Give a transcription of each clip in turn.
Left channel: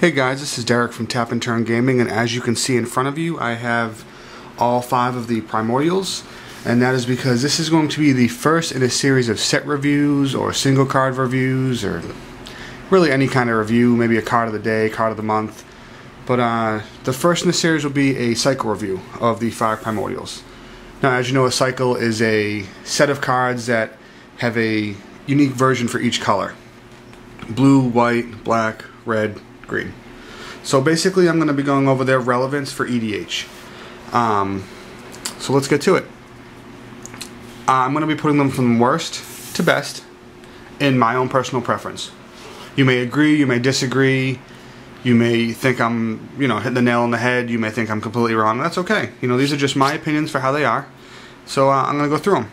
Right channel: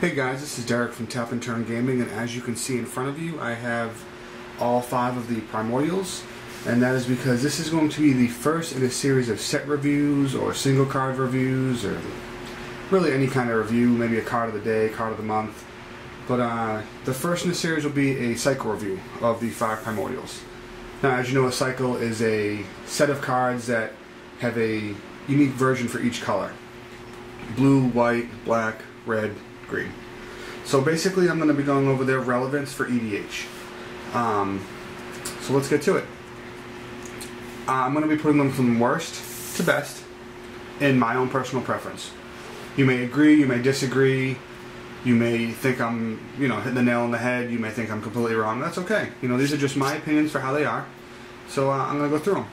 Hey guys, this is Derek from Tap and Turn Gaming, and as you can see in front of you, I have all 5 of the Primordials, and that is because this is going to be the first in a series of set reviews or single card reviews, or really any kind of review, maybe a card of the day, card of the month. But the first in the series will be a cycle review of the 5 Primordials. Now, as you know, a cycle is a set of cards that have a unique version for each color. Blue, white, black, red, green. So basically I'm going to be going over their relevance for EDH. So let's get to it. I'm going to be putting them from worst to best in my own personal preference. You may agree, you may disagree, you may think I'm, hitting the nail on the head, you may think I'm completely wrong. That's okay. These are just my opinions for how they are. So I'm going to go through them.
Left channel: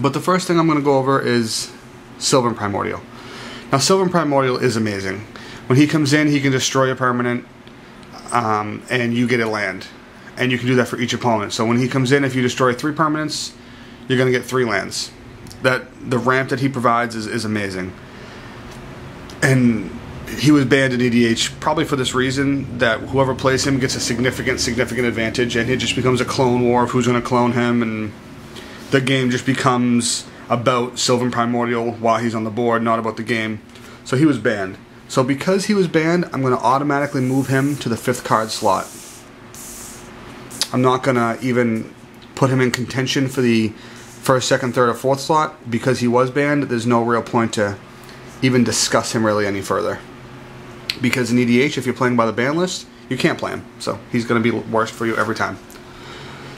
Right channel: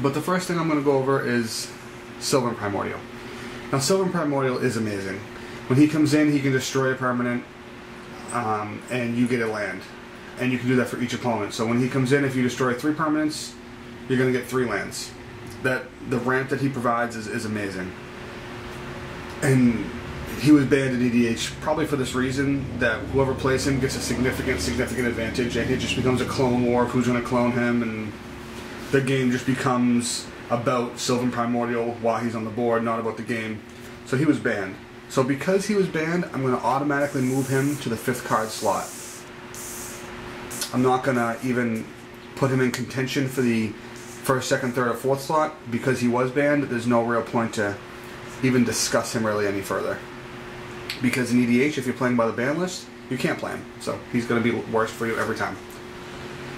But the first thing I'm going to go over is Sylvan Primordial. Now, Sylvan Primordial is amazing. When he comes in, he can destroy a permanent, and you get a land. And you can do that for each opponent. So when he comes in, if you destroy 3 permanents, you're going to get 3 lands. The ramp that he provides is amazing. And he was banned in EDH probably for this reason, that whoever plays him gets a significant advantage, and it just becomes a clone war of who's going to clone him, and the game just becomes about Sylvan Primordial while he's on the board, not about the game. So he was banned. So because he was banned, I'm going to automatically move him to the 5th card slot. I'm not going to even put him in contention for the 1st, 2nd, 3rd, or 4th slot. Because he was banned, there's no real point to even discuss him really any further. Because in EDH, if you're playing by the ban list, you can't play him. So he's going to be worst for you every time.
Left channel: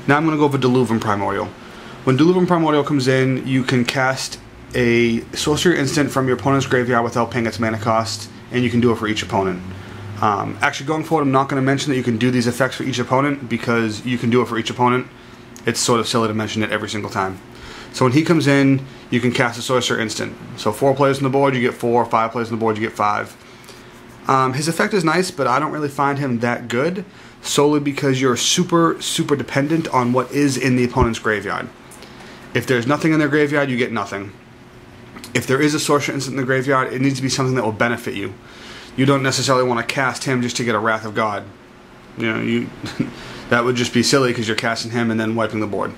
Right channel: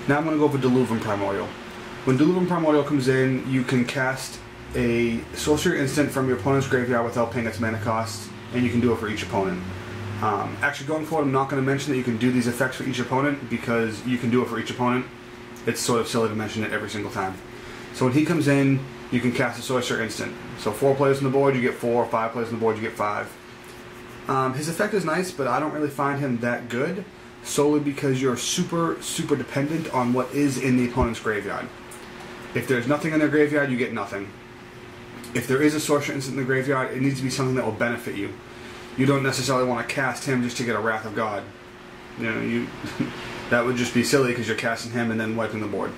Now I'm going to go for Diluvian Primordial. When Diluvian Primordial comes in, you can cast a sorcery instant from your opponent's graveyard without paying its mana cost, and you can do it for each opponent. Actually, going forward, I'm not going to mention that you can do these effects for each opponent, because you can do it for each opponent. It's sort of silly to mention it every single time. So when he comes in, you can cast a sorcery instant. So 4 players on the board, you get 4. 5 players on the board, you get 5. His effect is nice, but I don't really find him that good, solely because you're super dependent on what is in the opponent's graveyard. If there's nothing in their graveyard, you get nothing. If there is a sorcery instant in the graveyard, it needs to be something that will benefit you. You don't necessarily want to cast him just to get a Wrath of God. That would just be silly, because you're casting him and then wiping the board.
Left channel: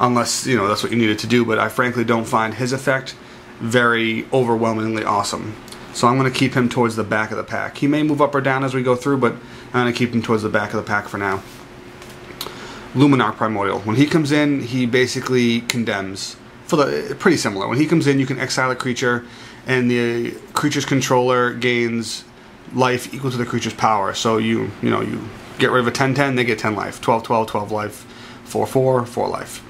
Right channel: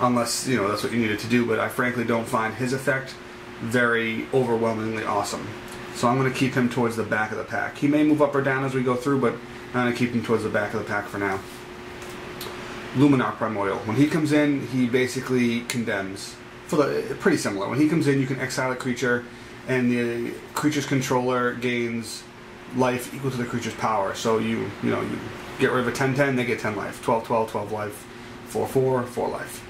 Unless, that's what you needed to do, but I frankly don't find his effect very overwhelmingly awesome. So I'm going to keep him towards the back of the pack. He may move up or down as we go through, but I'm going to keep him towards the back of the pack for now. Luminarch Primordial. When he comes in, he basically condemns. Pretty similar. When he comes in, you can exile a creature, and the creature's controller gains life equal to the creature's power. So you get rid of a 10/10, they get 10 life. 12/12, 12 life. 4/4, 4 life.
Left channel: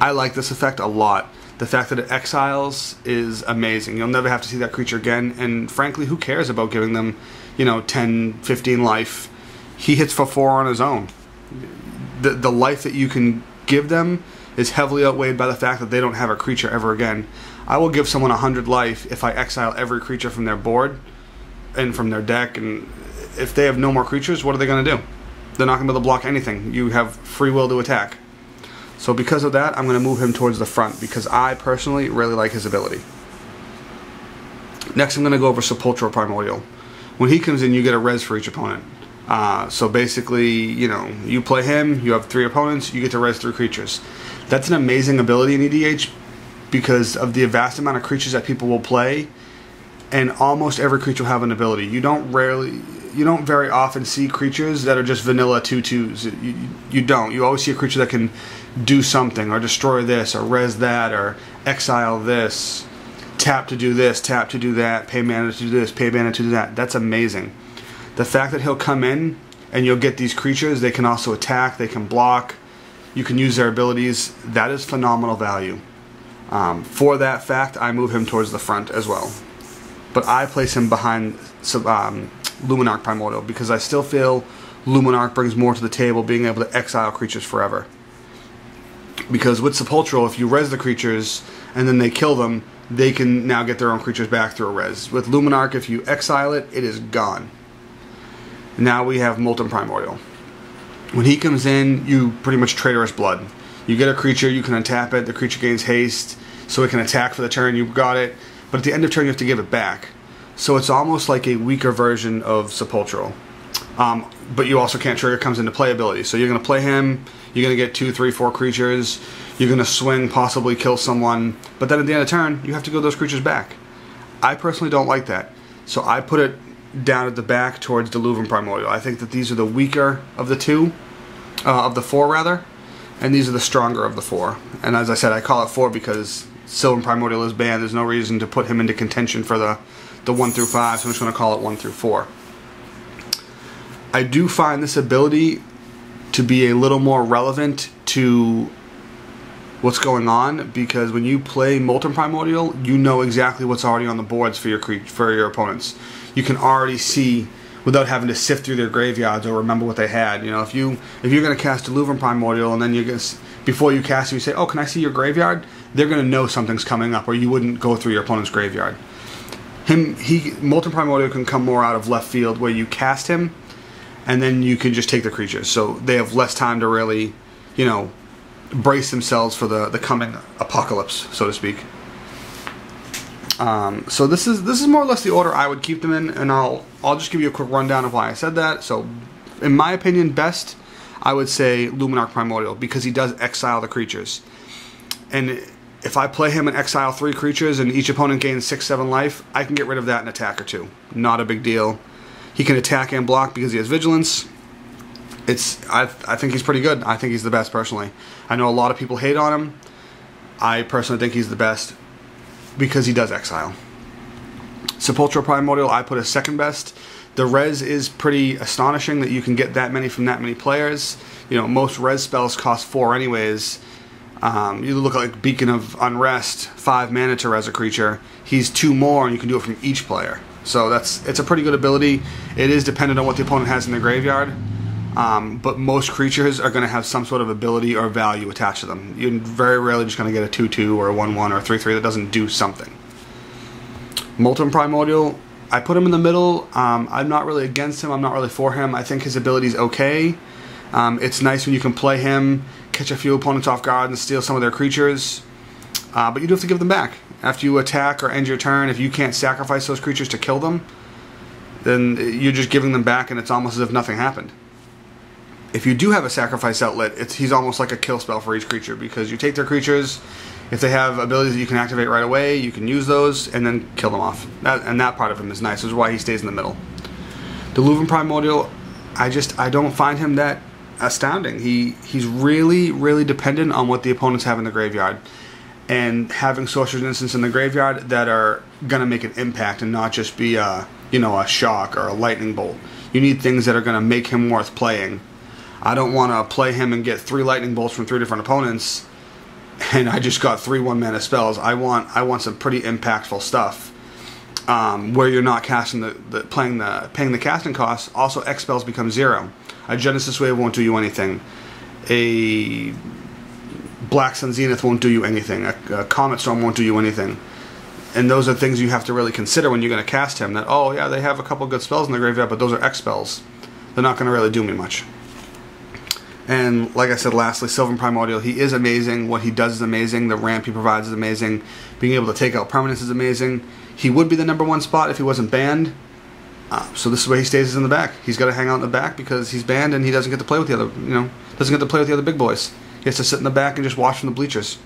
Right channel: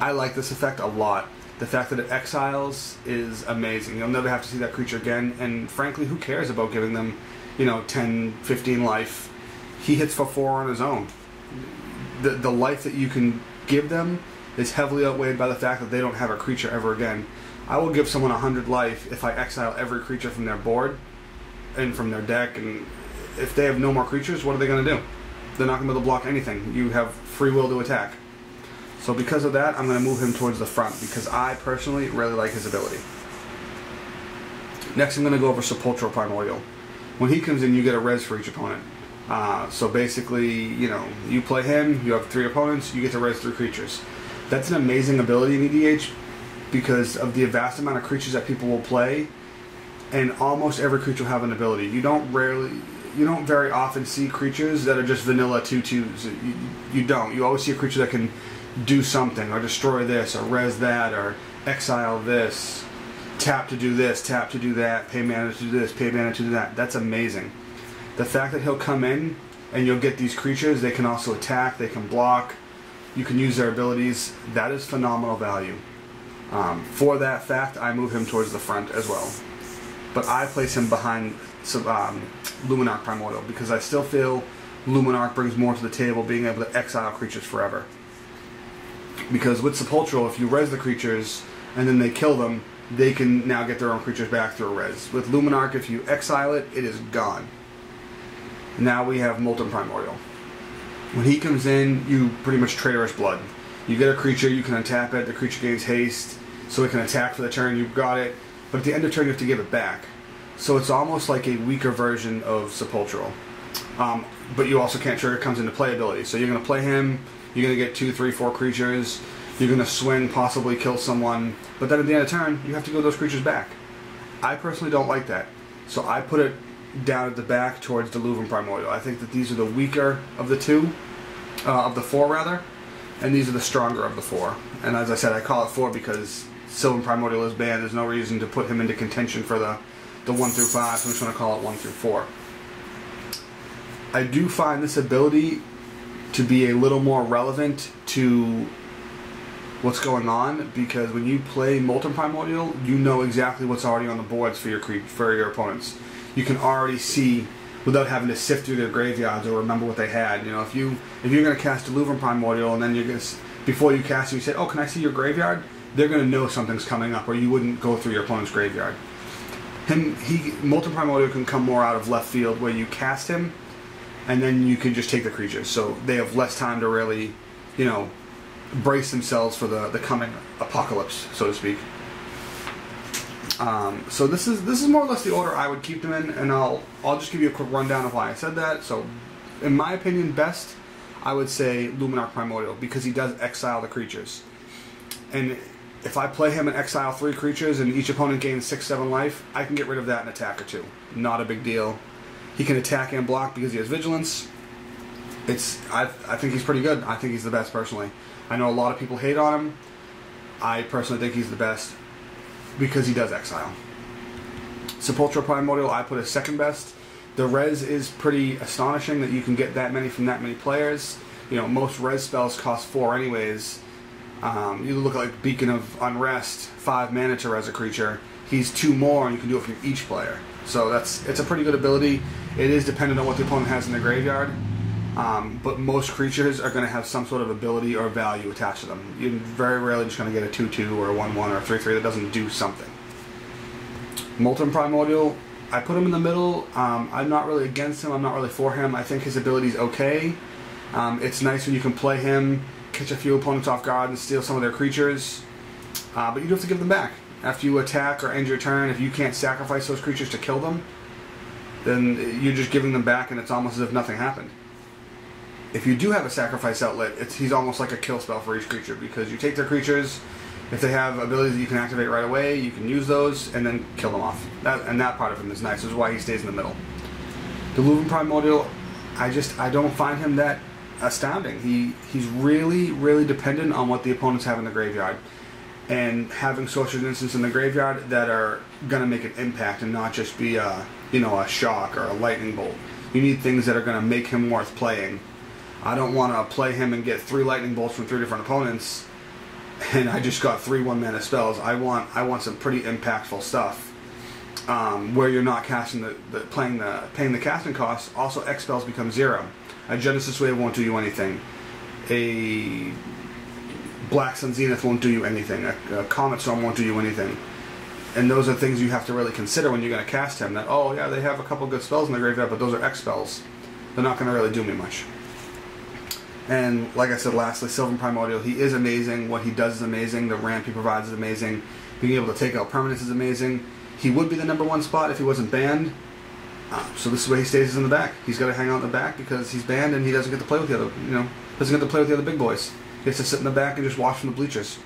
I like this effect a lot. The fact that it exiles is amazing. You'll never have to see that creature again, and frankly, who cares about giving them, 10, 15 life? He hits for 4 on his own. The life that you can give them is heavily outweighed by the fact that they don't have a creature ever again. I will give someone 100 life if I exile every creature from their board and from their deck, and if they have no more creatures, what are they going to do? They're not going to be able to block anything. You have free will to attack. So because of that, I'm going to move him towards the front, because I personally really like his ability. Next, I'm going to go over Sepulchral Primordial. When he comes in, you get a res for each opponent. So basically, you play him, you have 3 opponents, you get to res 3 creatures. That's an amazing ability in EDH because of the vast amount of creatures that people will play, and almost every creature will have an ability. You don't very often see creatures that are just vanilla 2/2s. You don't. You always see a creature that can do something, or destroy this, or res that, or exile this, tap to do this, tap to do that, pay mana to do this, pay mana to do that. That's amazing. The fact that he'll come in and you'll get these creatures, they can also attack, they can block, you can use their abilities, that is phenomenal value. For that fact, I move him towards the front as well. But I place him behind Luminarch Primordial, because I still feel Luminarch brings more to the table, being able to exile creatures forever. Because with Sepulchral, if you res the creatures and then they kill them, they can now get their own creatures back through a res. With Luminarch, if you exile it, it is gone. Now we have Molten Primordial. When he comes in, you pretty much Traitorous Blood. You get a creature, you can untap it, the creature gains haste, so it can attack for the turn, you've got it, but at the end of turn you have to give it back. So it's almost like a weaker version of Sepulchral. But you also can't trigger comes into playability. So you're going to play him, you're going to get 2, 3, 4 creatures, you're going to swing, possibly kill someone, but then at the end of the turn, you have to go those creatures back. I personally don't like that. So I put it down at the back towards Deluvin Primordial. I think that these are the weaker of the two, of the 4 rather, and these are the stronger of the 4. And as I said, I call it 4 because Sylvan Primordial is banned. There's no reason to put him into contention for the 1 through 5, so I'm just going to call it 1 through 4. I do find this ability to be a little more relevant to what's going on, because when you play Molten Primordial, you know exactly what's already on the boards for your opponents. You can already see without having to sift through their graveyards or remember what they had. You know, if you're going to cast Deluvin Primordial and then before you cast it, you say, "Oh, can I see your graveyard?" They're going to know something's coming up, or you wouldn't go through your opponent's graveyard. Molten Primordial can come more out of left field, where you cast him, and then you can just take the creatures. So they have less time to really, you know, brace themselves for the coming apocalypse, so to speak. So this is more or less the order I would keep them in, and I'll just give you a quick rundown of why I said that. So, in my opinion, best, I would say Luminarch Primordial, because he does exile the creatures. And if I play him and exile 3 creatures and each opponent gains 6, 7 life, I can get rid of that in attack or 2. Not a big deal. He can attack and block because he has vigilance. I think he's pretty good. I think he's the best personally. I know a lot of people hate on him. I personally think he's the best because he does exile. Sepulchral Primordial, I put as second best. The res is pretty astonishing that you can get that many from that many players. You know, most res spells cost 4 anyways. You look like Beacon of Unrest, 5 mana to res a creature. He's 2 more, and you can do it from each player. So it's a pretty good ability. It is dependent on what the opponent has in their graveyard, but most creatures are going to have some sort of ability or value attached to them. You're very rarely just going to get a 2/2 or a 1/1 or a 3/3 that doesn't do something. Molten Primordial, I put him in the middle. I'm not really against him. I'm not really for him. I think his ability is okay. It's nice when you can play him, catch a few opponents off guard, and steal some of their creatures. But you do have to give them back. After you attack or end your turn, if you can't sacrifice those creatures to kill them, then you're just giving them back, and it's almost as if nothing happened. If you do have a sacrifice outlet, he's almost like a kill spell for each creature, because you take their creatures. If they have abilities that you can activate right away, you can use those and then kill them off. That part of him is nice. This is why he stays in the middle. Deluvin Primordial, I don't find him that astounding. He's really, really dependent on what the opponents have in the graveyard, and having Sorcerer's Innocence in the graveyard that are gonna make an impact and not just be a shock or a lightning bolt. You need things that are gonna make him worth playing. I don't want to play him and get 3 lightning bolts from 3 different opponents, and I just got 3 1-mana spells. I want some pretty impactful stuff, where you're not casting paying the casting costs. Also, X spells become 0. A Genesis Wave won't do you anything. A Black Sun Zenith won't do you anything. A Comet Storm won't do you anything. And those are things you have to really consider when you're going to cast him. That, oh yeah, they have a couple good spells in the graveyard, but those are X spells. They're not going to really do me much. And like I said, lastly, Sylvan Primordial, he is amazing. What he does is amazing. The ramp he provides is amazing. Being able to take out permanents is amazing. He would be the #1 spot if he wasn't banned. So this is where he stays, in the back. He's got to hang out in the back because he's banned and he doesn't get to play with the other, doesn't get to play with the other big boys. He has to sit in the back and just watch from the bleachers.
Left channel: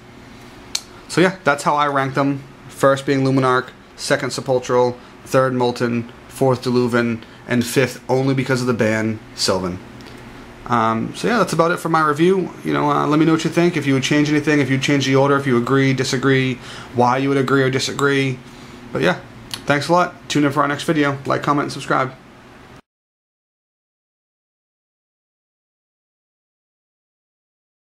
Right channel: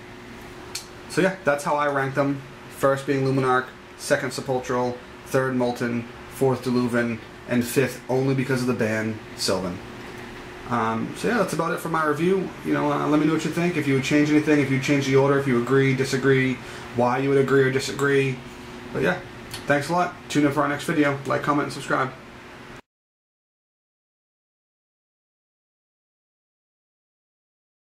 So yeah, that's how I rank them. First being Luminarch, second Sepulchral, third Molten, fourth Deluvin, and fifth, only because of the ban, Sylvan. So yeah, that's about it for my review. Let me know what you think. If you would change anything, if you change the order, if you agree, disagree, why you would agree or disagree. But yeah, thanks a lot. Tune in for our next video. Like, comment, and subscribe.